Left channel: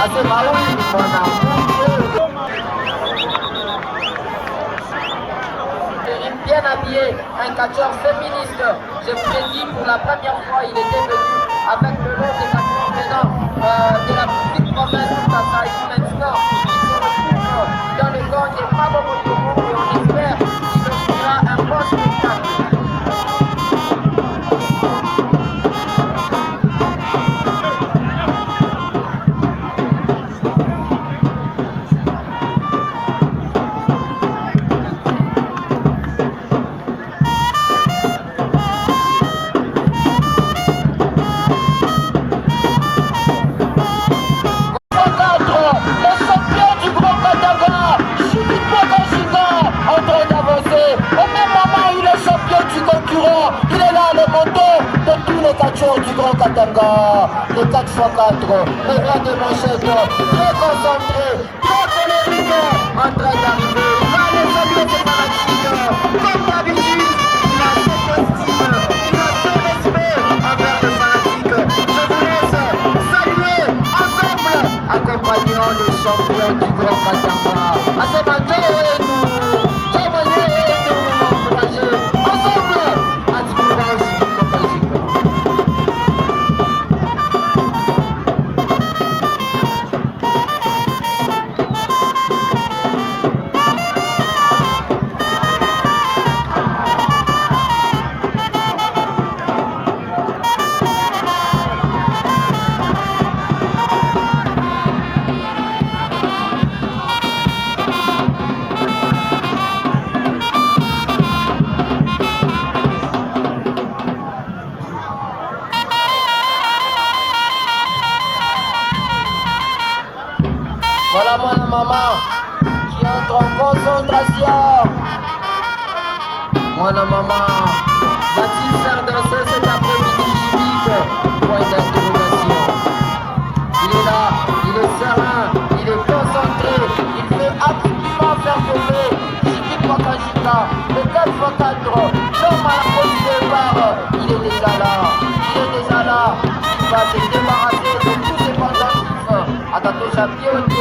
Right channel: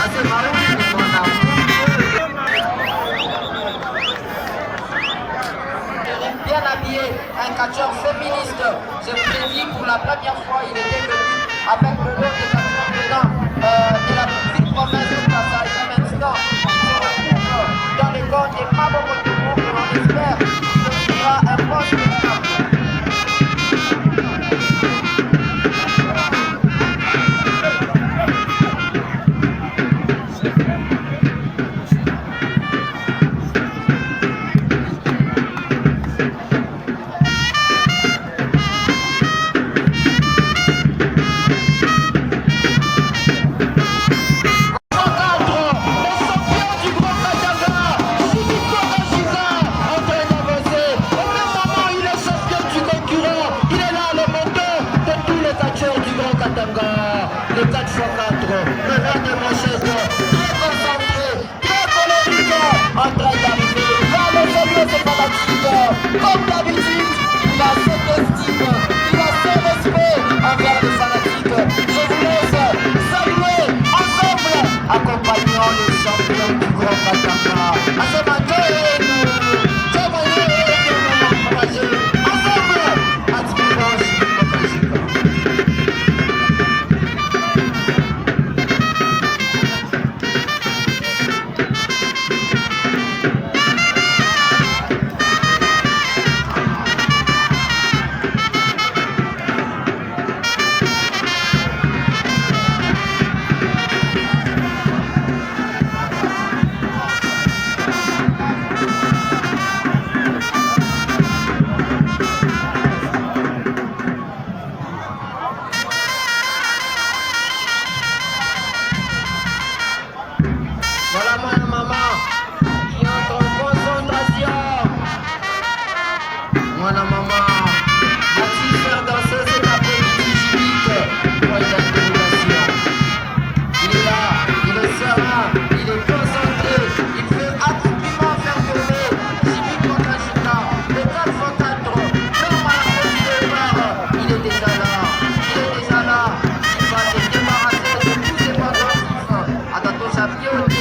Nasema huyu ni mwanamke bien habillé, un catcheur féministe. Je vous l'ai dit, pour la première fois, il était venu avec le lot des catcheurs venant de la petite province de Kasai. Maintenant, il se retrouve dans les corps des Mabokotomo et on espère qu'il offrira un bon spectacle. Le 4x4, le roi de Manchego, très concentré, très colérique, en train d'arriver, il va aller saluer ses fanatiques, comme d'habitude, il a cette estime, il a ce respect envers les fanatiques. Je vous laisse saluer ensemble, accompagnant le champion du Grand Katanga. À ce matin, nous encourager ensemble, à Dimanche. Voilà mon maman qui entre en concentration. Mon maman va-t-il faire danser cet après-midi Jibique? Point d'interrogation. Il est là, il est serein, il est concentré. Il veut absolument faire tomber Jibique Makashika. Le 4x4, l'homme à la pause du départ. Il est déjà là, il est déjà là. Il va se débarrasser de tous ses pendentifs. Atato Champion, tout ce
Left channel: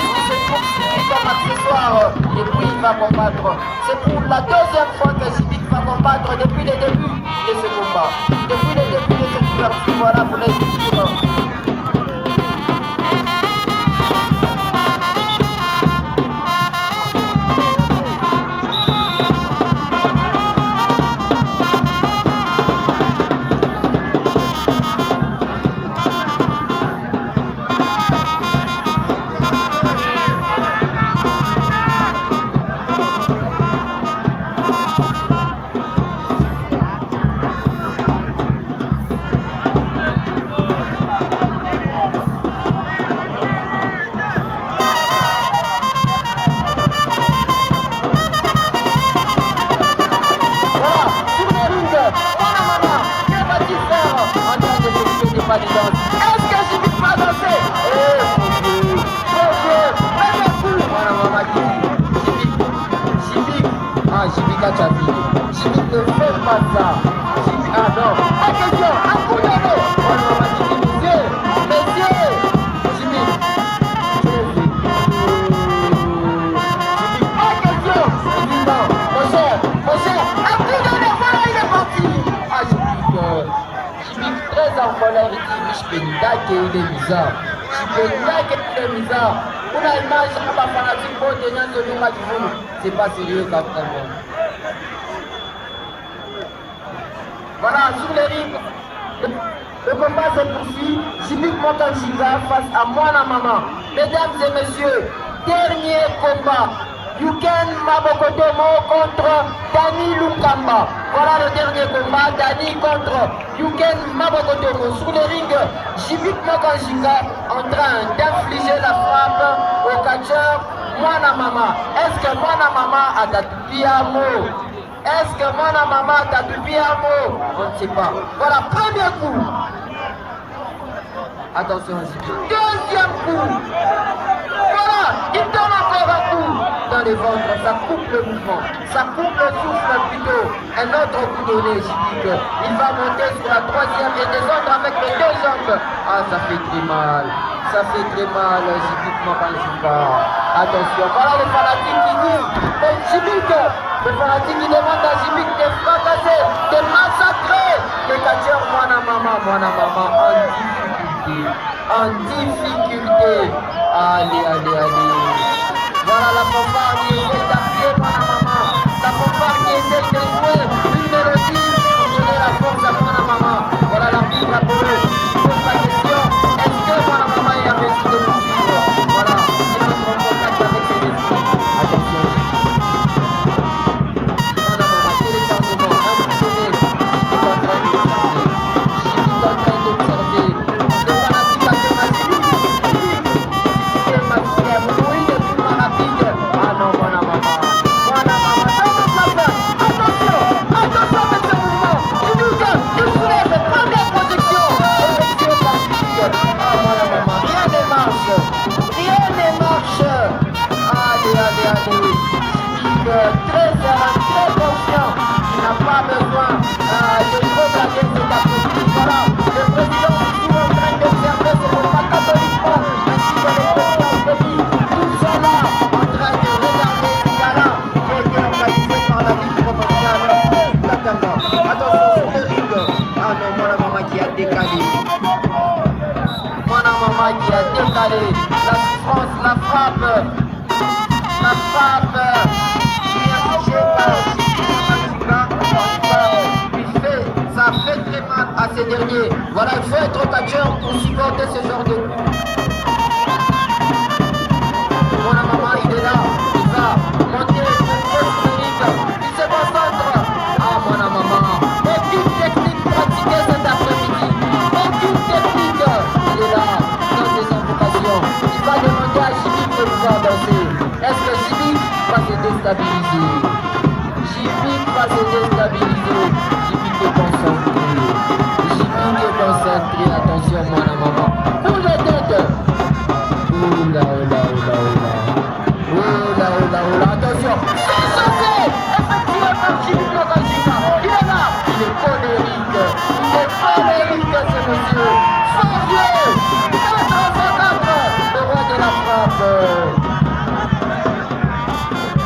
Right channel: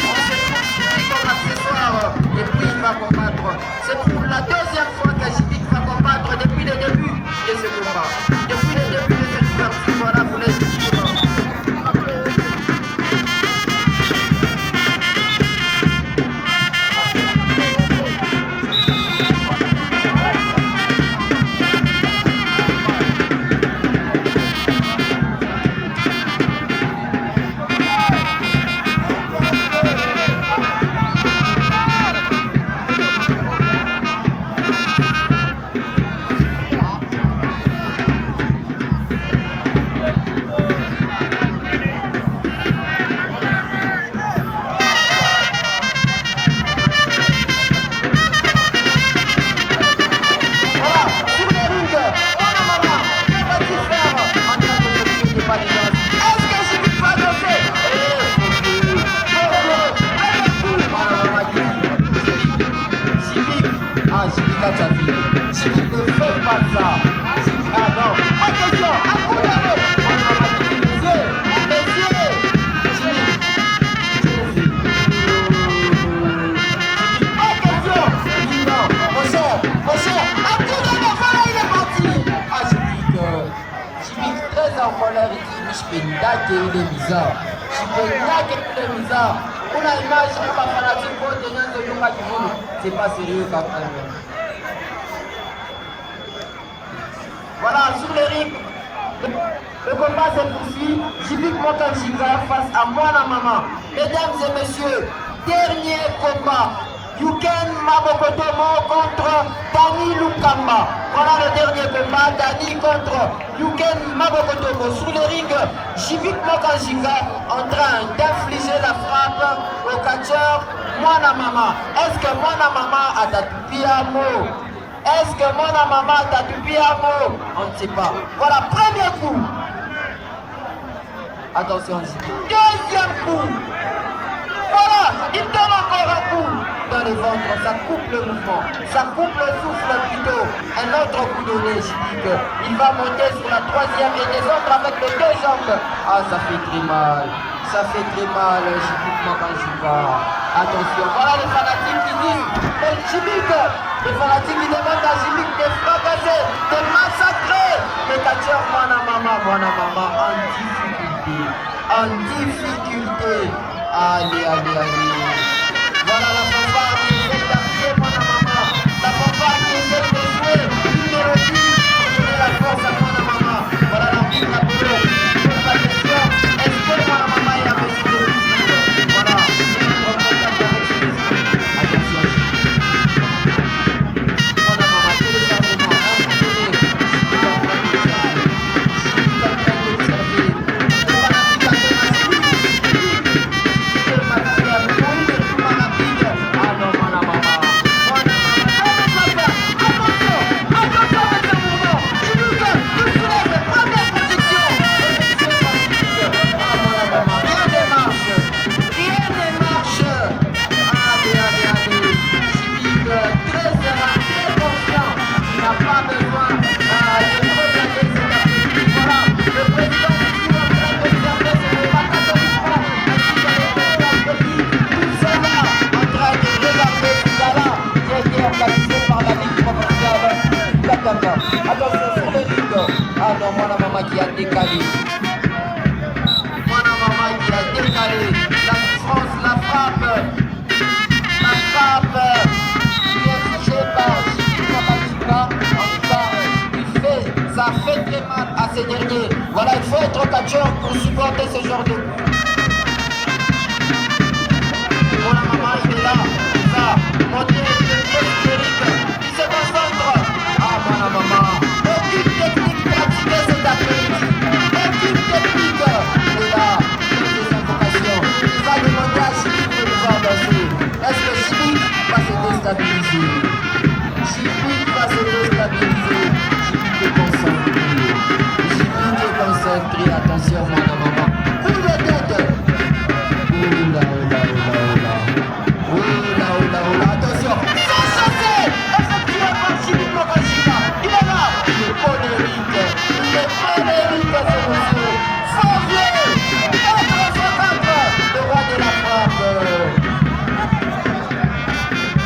qui se trouve comme accessoire, et puis il va combattre. C'est pour la deuxième fois que Jibique va combattre depuis le début de ce combat. Depuis le début de cette ouverture, voilà, vous laissez dire. Est-ce que Jibique va danser? Eh, mon Dieu, premier coup. Voilà, maman dit Jibique. Ah, Jibique a chavié. Jibique ne fait pas ça. Jibique, ah non, pas question, un coup de nez. Voilà, maman dit messieurs, Jibique. Jibique, pas question. Il dit non, mon cher, un coup de nez, voilà, il est parti. Ah, Jibique très en colère, il dit Mishpenidake il est bizarre. Mishpenidake il est bizarre. Pour la image, à fanatique, pour tenir ce lieu, c'est pas sérieux quand même. Voilà, sur les rings, le combat se poursuit. Jibique Makashika face à Mwana Mama. Mesdames et messieurs, dernier combat. Yuken Mabokotomo contre Dani Lunkamba. Voilà le dernier combat, Dani contre Yuken Mabokotomo. Sur le ring, Jibique Makashika en train d'infliger la frappe au catcheur Mwana Mama. Est-ce que Mwana Mama a tatupi un mot? Est-ce que Mwana Mama a tatupi un mot? On ne sait pas. Voilà, premier coup. Attention, Jibique. Deuxième coup. Voilà. Il donne encore un coup dans les ventres, ça coupe le mouvement, ça coupe le souffle plutôt. Un autre coup donné, Jibik. Il va monter sur la troisième et descendre avec les deux jambes. Ah, ça fait très mal. Ça fait très mal, Jibik Makanjika. Attention, voilà les fanatiques qui disent, mais Jibik, les fanatiques qui demandent à Jibik de fracasser, de massacrer les catcheurs Mwana Mama en difficulté. En difficulté. Allez, allez, allez. Voilà la fanfare qui essaye d'appuyer Mwana Mama. La fanfare qui essaye de jouer une mélodie pour donner la force à Mwana Mama. Voilà l'arbitre Apollo qui pose la question. Est-ce que Mwana Mama est en mesure de poursuivre? Voilà, il entre en contact avec ses esprits. Attention. Mwana Mama, téléchargement, un coup donné. Il est en train de observer. Il est en train d'observer. Le fanatique a fait oui, le plus rapide. Ah non, Mwana Mama. Mwana Mama, attention, attention avec ce mouvement. Jibik, il soulève, première projection. Effectuée par Jibik. Ah, Mwana Mama, rien ne marche. Rien ne marche. Allez, allez, allez. Jibik, très serein, très confiant. Il n'a pas besoin de trop blaguer cet après-midi. Voilà, le président est toujours en train d'observer ce combat catholiquement. Ainsi que le président Denis. Tout ça là, en train de regarder ce gars-là, qui a été organisé par la Ligue provinciale Katanga. Attention sur le ring. Ah non, Mwana Mama qui a décalé. Mwana Mama qui a décalé. La souffrance, la frappe. La frappe. Bien touché par Jibik Makanjika. En tout cas, ça fait très mal à ces derniers. Voilà, il faut être catcheur pour supporter ce genre de coup. Mwana Mama, il est là, il va monter sur le ring, il se concentre. Ah, Mwana Mama, aucune technique pratiquée cet après-midi, aucune technique. Il est là, dans des invocations. Il va demander à Jibik de pouvoir danser. Est-ce que Jibik va se déstabiliser? Jibik va se déstabiliser. Jibik est concentré. Jibik est concentré. Attention, Mwana Mama. Coup de tête. Oula, oula, oula, oula. Oula, oula, oula. Attention. C'est chassé. Effectué par Jibik Makanjika. Il est là. Il est colérique. Il est colérique, ce monsieur. Fort vieux. 4 le roi de la frappe.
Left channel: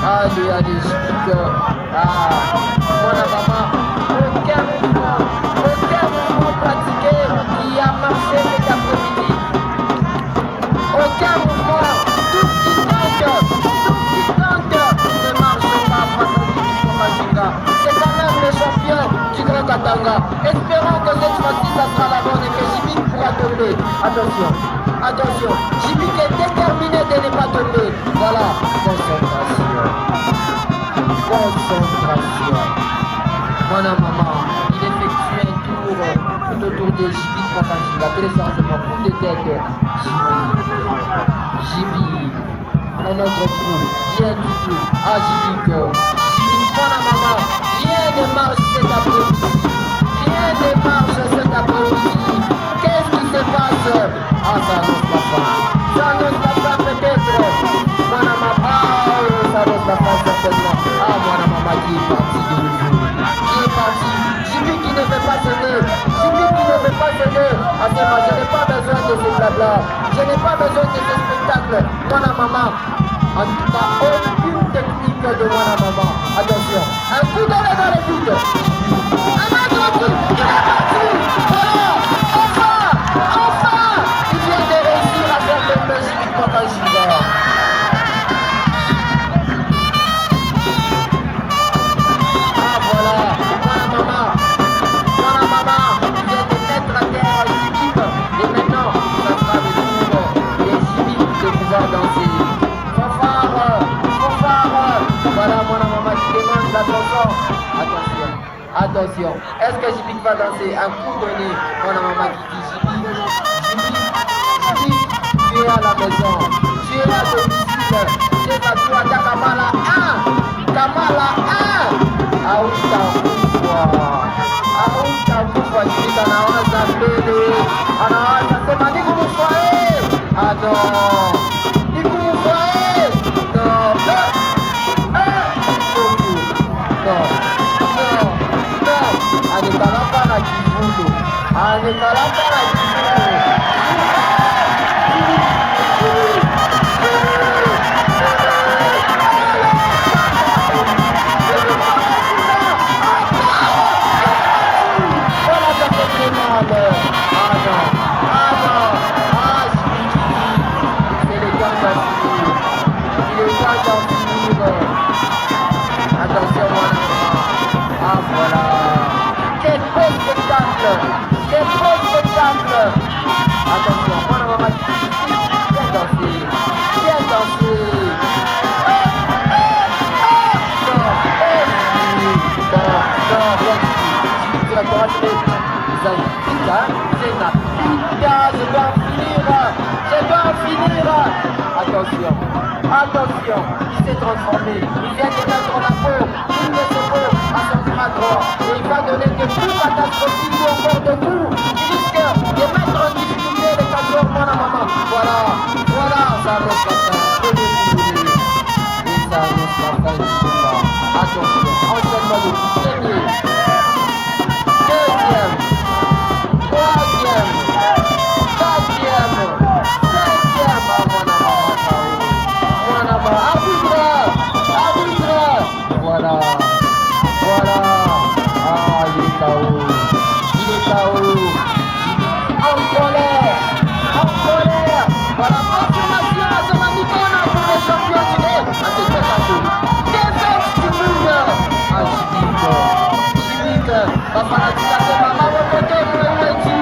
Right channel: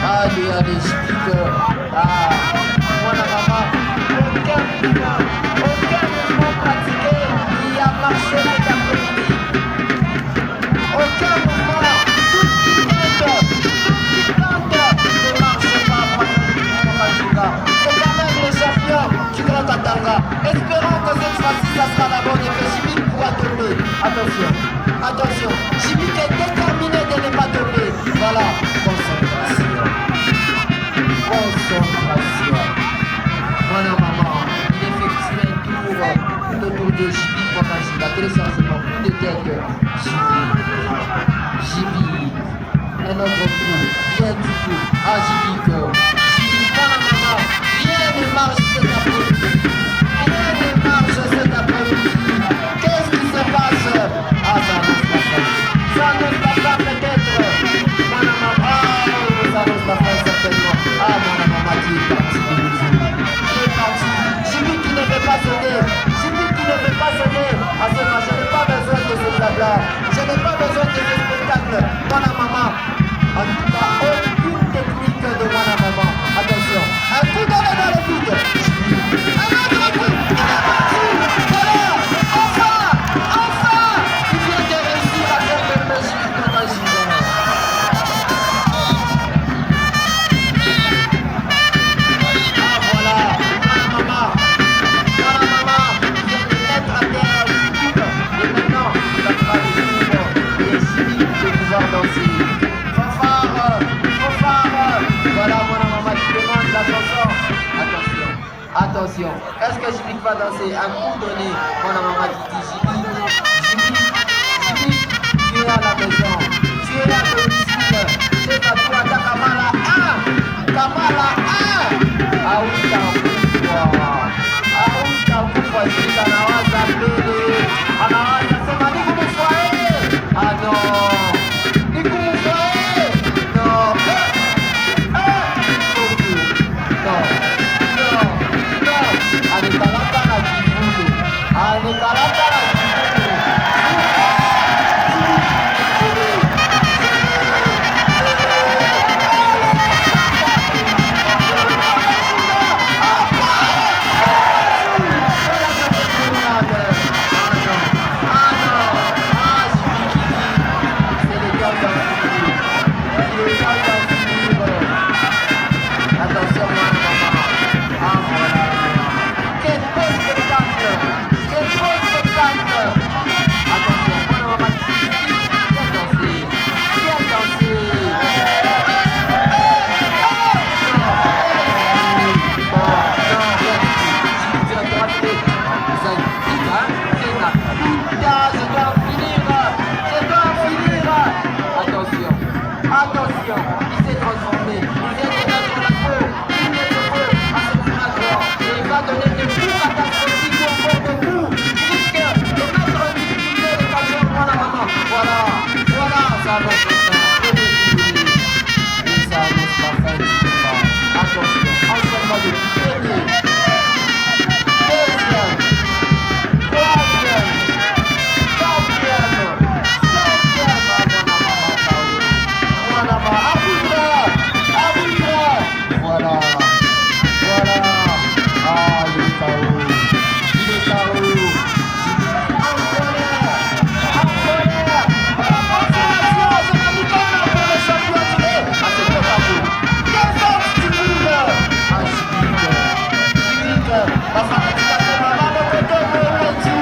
Allez, allez, Jibik. Ah, Mwana Mama. Aucun mouvement pratiqué qui a marché cet après-midi. Aucun mouvement, tout ce qui tente ne marche pas face à Jibik Makanjika. C'est quand même le champion du Grand Katanga. Espérons que cette fois-ci, ça sera la bonne et que Jibik pourra tomber. Attention, attention, Jibik est déterminé de ne pas tomber. Voilà, concentration. Concentration. Mwana Mama, il effectue un tour tout autour de Jibik Makanjika. Téléchargement, coup de tête. Jibik, un autre coup, rien du tout. Ah, Jibik, Mwana Mama, rien ne marche cet après-midi. Rien ne marche cet après-midi. Qu'est-ce qui se passe? Ah, ça annonce la fin. Ça annonce la fin peut-être. Mwana Mama, ah, ça annonce la fin certainement. Ah, Mwana Mama qui est parti de nouveau. Qui est parti. Jibik qui ne veut pas céder. Jibik qui ne veut pas céder. Ah, c'est moi, je n'ai pas besoin de ces blabla. Je n'ai pas besoin de ce spectacle. Mwana Mama. En tout cas, aucune technique de Mwana Mama. Attention. Un coup donné dans le vide. Un autre coup. Il est parti. Voilà. Enfin. Enfin. Il vient de réussir à faire tomber Jibik Makanjika. Ah, voilà. Mwana Mama. Mwana Mama vient de mettre à terre Jibik. Et maintenant, ça sera le tour de Jibik de pouvoir danser. Fanfare, fanfare. Voilà Mwana Mama qui demande la chanson. Attention, attention. Est-ce que Jibik va danser? Un coup donné. Mwana Mama qui dit Jibik, Jibik, tu es à la maison. Tu es à domicile. C'est pas toi, t'as Kamala 1. Kamala 1. Aouta Kufwa. Jibik anawaza mbele. Anawaza sema niku mufwae. Ah non. Niku mufwae. non, non, non. Anekalaka na kibulu. Anekalaka na kibulu. Voilà, ça fait très mal. Ah non, ah non, ah c'est les gars d'en finir. Il est temps d'en finir. Attention, moi, la maman. Ah voilà. Quel beau spectacle. Quel beau spectacle. Attention, moi, la maman. Viens danser. Viens danser. Non, bon, non, rien du tout. Tu vas te rater. Zaïdika, je dois en finir. Je dois en finir. Attention. Attention, il s'est transformé, il vient de mettre la peau, il ne se peut à son bras droit, et il va donner des coups catastrophiques ou encore des coups qui risquent de mettre en difficulté les catcheurs, mon maman. Voilà, voilà, ça annonce la fin, et ça annonce la fin du combat. Attention, enchaînement de premier, deuxième, troisième, quatrième, cinquième, à mon maman, arbitre, arbitre, voilà, voilà, ah il est KO, en colère, voilà, confirmation, c'est ma mi-temps pour le champion tiré, ah c'est top à vous, des autres du monde, ah Chibik, Bafanatika c'est maman Bokoto, où es-tu?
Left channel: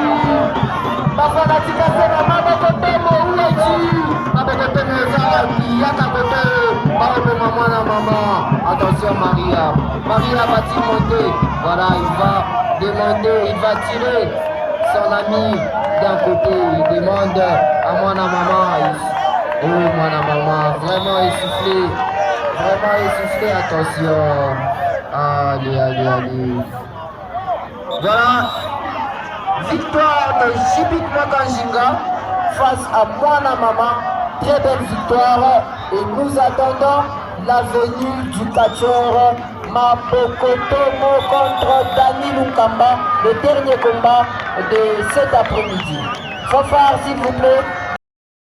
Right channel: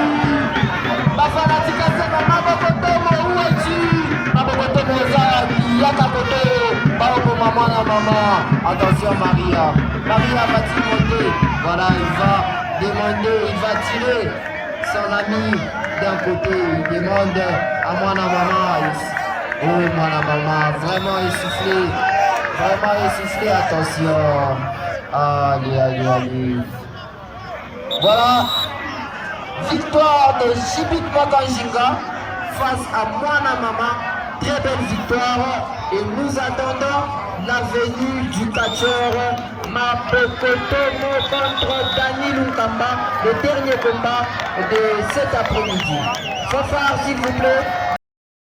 Bafanatika c'est maman Bokoto, où es-tu? Attention Maria. Maria va-t-il monter? Voilà, il va demander, il va tirer son ami d'un côté. Il demande à moi la maman. Oh moi la maman, vraiment essoufflé. Vraiment essoufflé, attention. Allez, allez, allez. Voilà. Victoire de Chibik Makanzinga face à Mwana Mama. Très belle victoire et nous attendons la venue du catcheur Mabokotomo contre Dani Lunkamba, le dernier combat de cet après-midi. Fanfare s'il vous plaît.